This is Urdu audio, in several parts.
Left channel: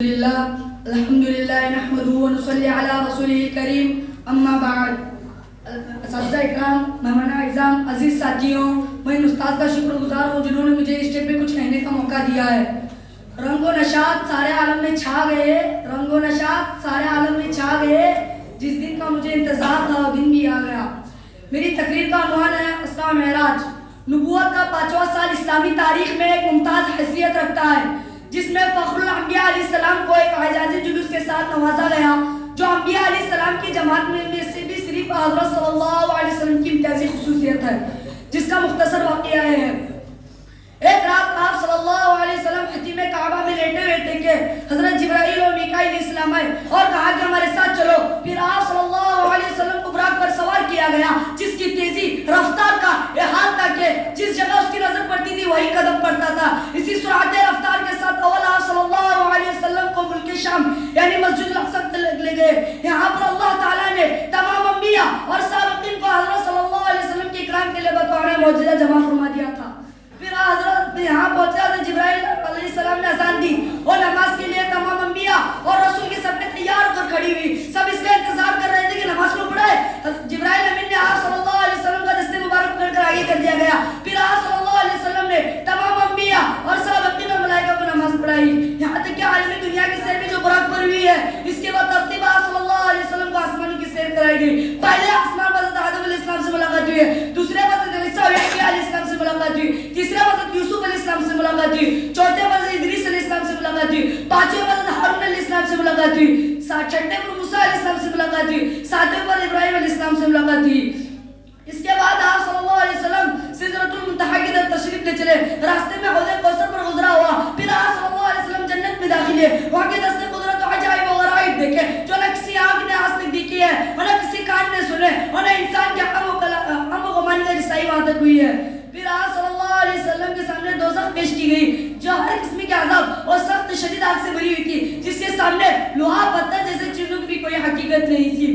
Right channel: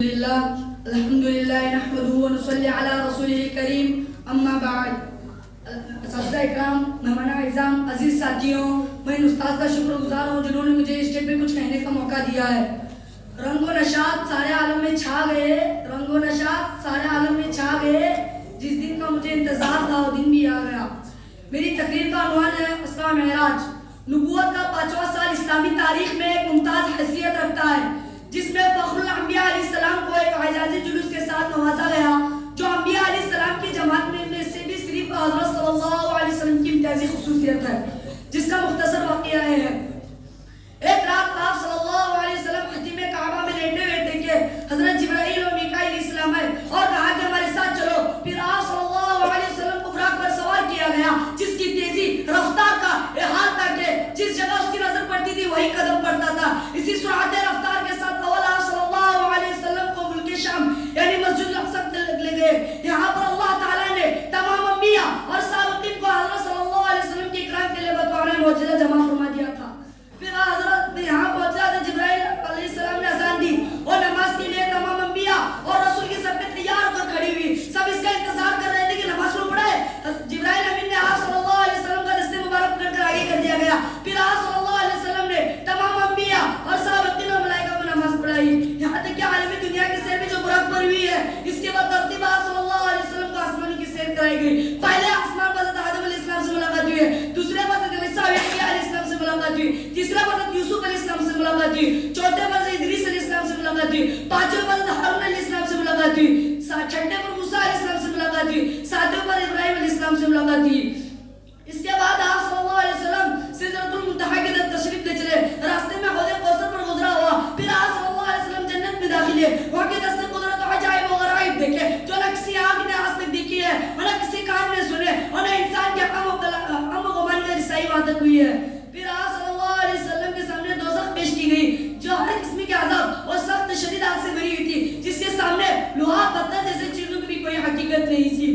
لله الحمد لله نحمده ونصلي على رسوله الكريم اما بعد اساتذہ اکرام مہمان اعزام عزیز ساتھیوں میں ان استاد کا شکر گزار ہوں جنہوں نے مجھے اس اسٹیج پہ کچھ کہنے کا موقع دیا ہے۔ رنگ و نشاط سارے عالم میں چھا گئے، رنگ و نشاط سارے عالم میں چھا گئے، جس دن کا مجھے انتظار تھا وہ دن بھی آ گیا۔ میری تقریر کا عنوان ہے اسرا معراج۔ نبوت کا 5واں سال اسلامی تاریخ میں ایک ممتاز حیثیت رکھتا ہے، جس میں فخر الانبیاء علیہ السلام کو ایک اعزازی جلوس کے ساتھ نوازا گیا جو انبیاء علیہ السلام کی جماعت میں سے بھی صرف حضرت صلی اللہ علیہ وسلم کی امتیازی خصوصیت ہے، جس کا مختصر واقعہ ہے۔ ایک رات آپ صلی اللہ علیہ وسلم خطیب کعبہ میں لیٹے ہوئے تھے کہ حضرت جبرائیل اور میکائیل علیہ السلام آئے اور کہا کہ ہمارے ساتھ چلو۔ پھر آپ صلی اللہ علیہ وسلم کو براق پر سوار کیا گیا، جس کی تیزی رفتار کا یہ حال تھا کہ جس جگہ اس کی نظر پڑتی تھی وہی قدم پڑتا تھا۔ اسی سرعت رفتار کے ساتھ اول آپ صلی اللہ علیہ وسلم کو ملک شام یعنی مسجد الاقصی لے گئے۔ یہاں پر اللہ تعالیٰ نے تمام انبیاء اور سابقین کو حضرت صلی اللہ علیہ وسلم کی اکرام کے لیے بطور معجزہ جمع فرما دیا تھا۔ پھر حضرت یہاں پہنچا تو جبرائیل علیہ السلام نے اذان دی اور نماز کے لیے تمام انبیاء اور رسول کی سب نے تیار ہو کر کھڑی ہوئی، سب اس کا انتظار کر رہے تھے کہ نماز کو پڑھائے۔ جبرائیل امین نے آپ صلی اللہ علیہ وسلم کا دست مبارک پکڑ کر آگے کر دیا گیا۔ پھر آپ صلی اللہ علیہ وسلم نے تمام انبیاء اور سابقین اور ملائکہ کو نماز پڑھائی، یہاں تک کہ عالم دنیا کی سیر میں جو براق پر ہوئی ہے اس کے بعد ترتیب آپ صلی اللہ علیہ وسلم کو آسمان کی سیر کرائی گئی۔ پہلے آسمان پر حضرت آدم علیہ السلام سے ملاقات ہوئی ہے، دوسرے پر حضرت عیسیٰ علیہ السلام سے ملاقات ہوئی، تیسرے پر حضرت یوسف علیہ السلام سے ملاقات ہوئی، چوتھے پر حضرت ادریس علیہ السلام سے ملاقات ہوئی، پانچویں پر حضرت ہارون علیہ السلام سے ملاقات ہوئی، چھٹے پر موسیٰ علیہ السلام سے ملاقات ہوئی، ساتویں پر ابراہیم علیہ السلام سے ملاقات ہوئی۔ اس کے بعد آپ صلی اللہ علیہ وسلم سدرۃ المنتہا کی طرف تشریف لے چلے، راستے میں حوض کوثر پر گزرا ہوا۔ پھر آپ صلی اللہ علیہ وسلم جنت میں داخل ہوئے، وہاں کے دست قدرت و عجائب و غرائب دیکھے جو نہ کسی آنکھ نے آج تک دیکھی ہے اور نہ کسی کان نے سنے اور نہ انسان کے غم و غمان کا رسائی وہاں تک ہوئی ہے۔ پھر آپ صلی اللہ علیہ وسلم کے سامنے دوزخ پیش کی گئی جو ہر قسم کے عذاب اور سخت شدید آگ سے بھری ہوئی تھی، جس کے سامنے لوہا پتھر جیسے چیزوں کی بھی کوئی حقیقت نہیں تھی۔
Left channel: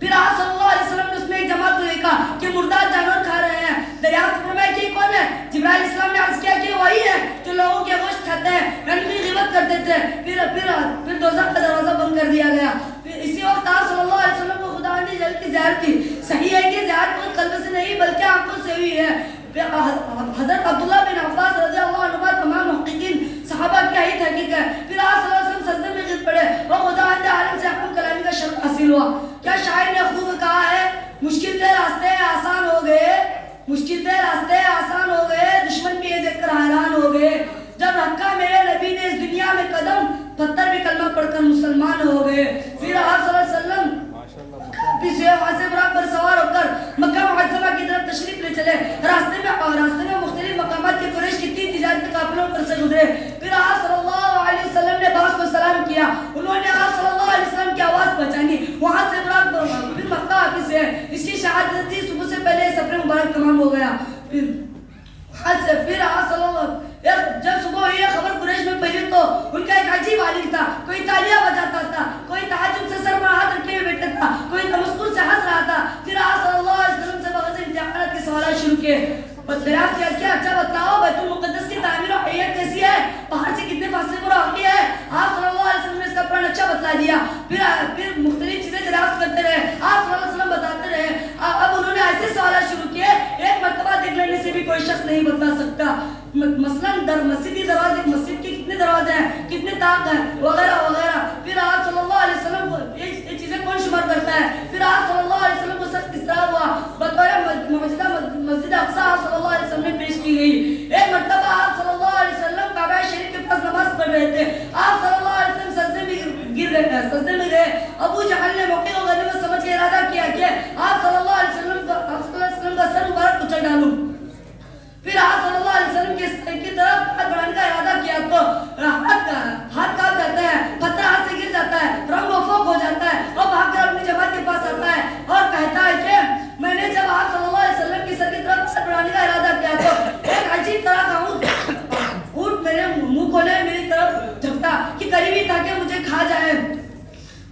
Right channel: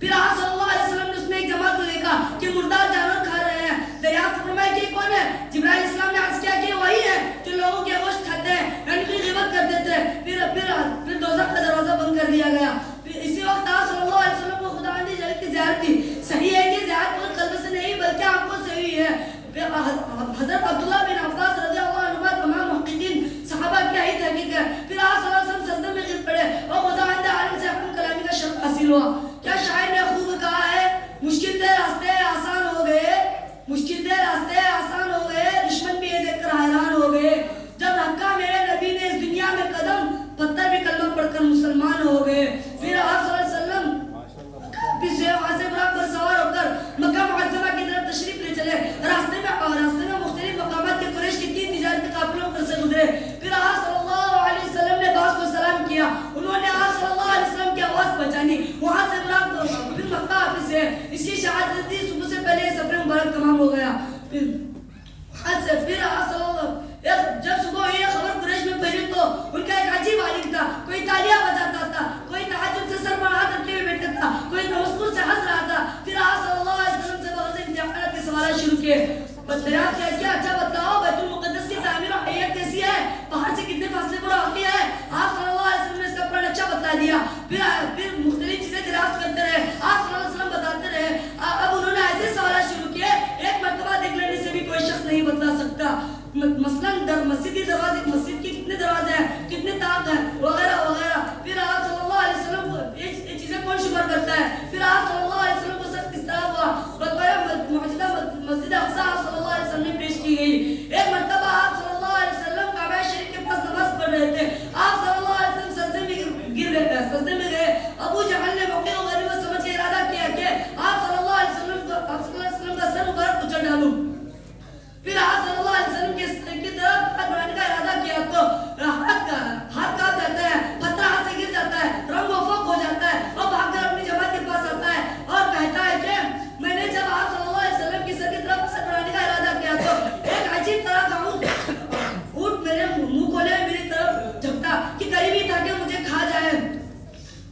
پھر آپ صلی اللہ علیہ وسلم نے اس میں ایک جماعت کو دیکھا کہ مردار جانور کھا رہے ہیں۔ دریافت فرمایا کہ کون ہے؟ جبرائیل علیہ السلام نے عرض کیا کہ وہی ہے جو لوگوں کے گوشت کھاتے ہیں، ان کی غیبت کرتے تھے۔ پھر دوزخ کا دروازہ بند کر دیا گیا۔ اسی وقت آپ صلی اللہ علیہ وسلم کو خداوند جل کی زیارت تھی۔ صحیح ہے کہ زیارت قلب سے نہیں بلکہ آنکھوں سے ہوئی ہے۔ حضرت عبداللہ بن عباس رضی اللہ عنہ تمام محققین صحابہ کی یہی تحقیق ہے۔ پھر آپ صلی اللہ علیہ وسلم سجدے میں گر پڑے اور خداوند عالم سے حکم کلامی کا شرف حاصل ہوا۔ کیا شاعر نے خوب کہا ہے، مشکل تھے راستے آسان ہو گئے، مشکل تھے راستے آسان ہو گئے، دشمن بھی یہ دیکھ کر حیران ہو گئے، جب رکھا میرے نبی نے اس دنیا میں قدم، پتھر بھی کلمہ پڑھ کر مسلمان ہو گئے۔ پھر آپ صلی اللہ علیہ وسلم وہاں سے براق پر سوار ہو کر مکہ معظمہ کی طرف تشریف لے چلے۔ راستے میں مختلف مقامات کے قریش کے 3 تجارتی قافلوں پر سے گزرے۔ پھر آپ صلی اللہ علیہ وسلم نے بعض کو سلام کیا، انہوں نے آپ صلی اللہ علیہ وسلم کی آواز پہچانی، وہاں سے براق پر پھر مکہ حافظ ہے، اس کی شہادت تھی، صبح سے پہلے سفر مبارک تمام ہو گیا۔ پھر آپ صلی اللہ جب صبح ہوئی خبر قریش میں پھیلی تو ان کا ایک عجیب عالم تھا، کوئی تالیاں بجاتا تھا، کوئی تہجد سے سر پر ہاتھ رکھے ہوئے بیٹھا تھا، کوئی تمسکر سے ہنس رہا تھا۔ پھر آپ صلی اللہ علیہ وسلم سے بغیر امتحانات کے سوالات شروع کیے۔ دریافت کیا کہ اچھا بتاؤ بیت المقدس کی تعمیر و حیت کیسی ہے، پہاڑ سے کتنے فاصلے پر واقع ہے؟ آپ صلی اللہ علیہ وسلم نے اس کا پلان اچھا بتلا دیا۔ پھر مختلف چیزیں دریافت کرتے رہے، آپ صلی اللہ علیہ وسلم بتاتے رہے۔ اب انہوں نے ایسے سوالات شروع کیے، ایک مرتبہ دیکھ لینے سے بھی کوئی شخص نہیں بتلا سکتا۔ مثلاً مسجدی دروازے، مسجد کے کتنے دروازے ہیں، کتنے طاق ہیں، وغیرہ وغیرہ۔ پھر آپ صلی اللہ علیہ وسلم کو یہ چیزیں کون شمار کرتا ہے؟ پھر آپ صلی اللہ علیہ وسلم کو سب کس طرح ہوا بطور معجزہ مسجد اقصی آپ صلی اللہ علیہ وسلم نے پیش کی گئی۔ ایک مرتبہ آپ صلی اللہ علیہ وسلم کعبہ شریف کے پاس نماز پڑھ رہے تھے، آپ صلی اللہ علیہ وسلم سجدے میں گئے۔ ابو جہل نے موقع کو غنیمت سمجھ کے ارادہ کیا کہ آپ صلی اللہ علیہ وسلم کا سر مبارک کچل ڈالوں۔ پھر آپ صلی اللہ علیہ وسلم کی طرف ہاتھ بڑھانے کا ارادہ کیا تو ہاتھ کاپ جاتا ہے، پتھر ہاتھ سے گر جاتا ہے، رنگ و فوق ہو جاتا ہے اور بھاگ کر اپنی جماعت کے پاس آتا ہے اور کہتا ہے کہ میں نے جب آپ صلی اللہ علیہ وسلم کی سر کی طرف ہاتھ بڑھانے کا ارادہ کیا تو ایک عجیب طرح کا اونٹ میرے منہ کھولے میری طرف جھپٹا کہ قریبی تھا کہ مجھے کھا جائے۔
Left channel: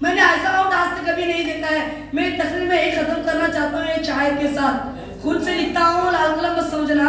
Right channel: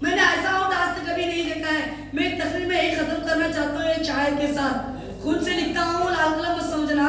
میں نے ایسا اونٹ آج تک کبھی نہیں دیکھا ہے۔ میں ایک تقریر میں ایک ختم کرنا چاہتا ہوں ایک شاعر کے ساتھ، خود سے لکھتا ہوں، لال قلم مت سمجھنا۔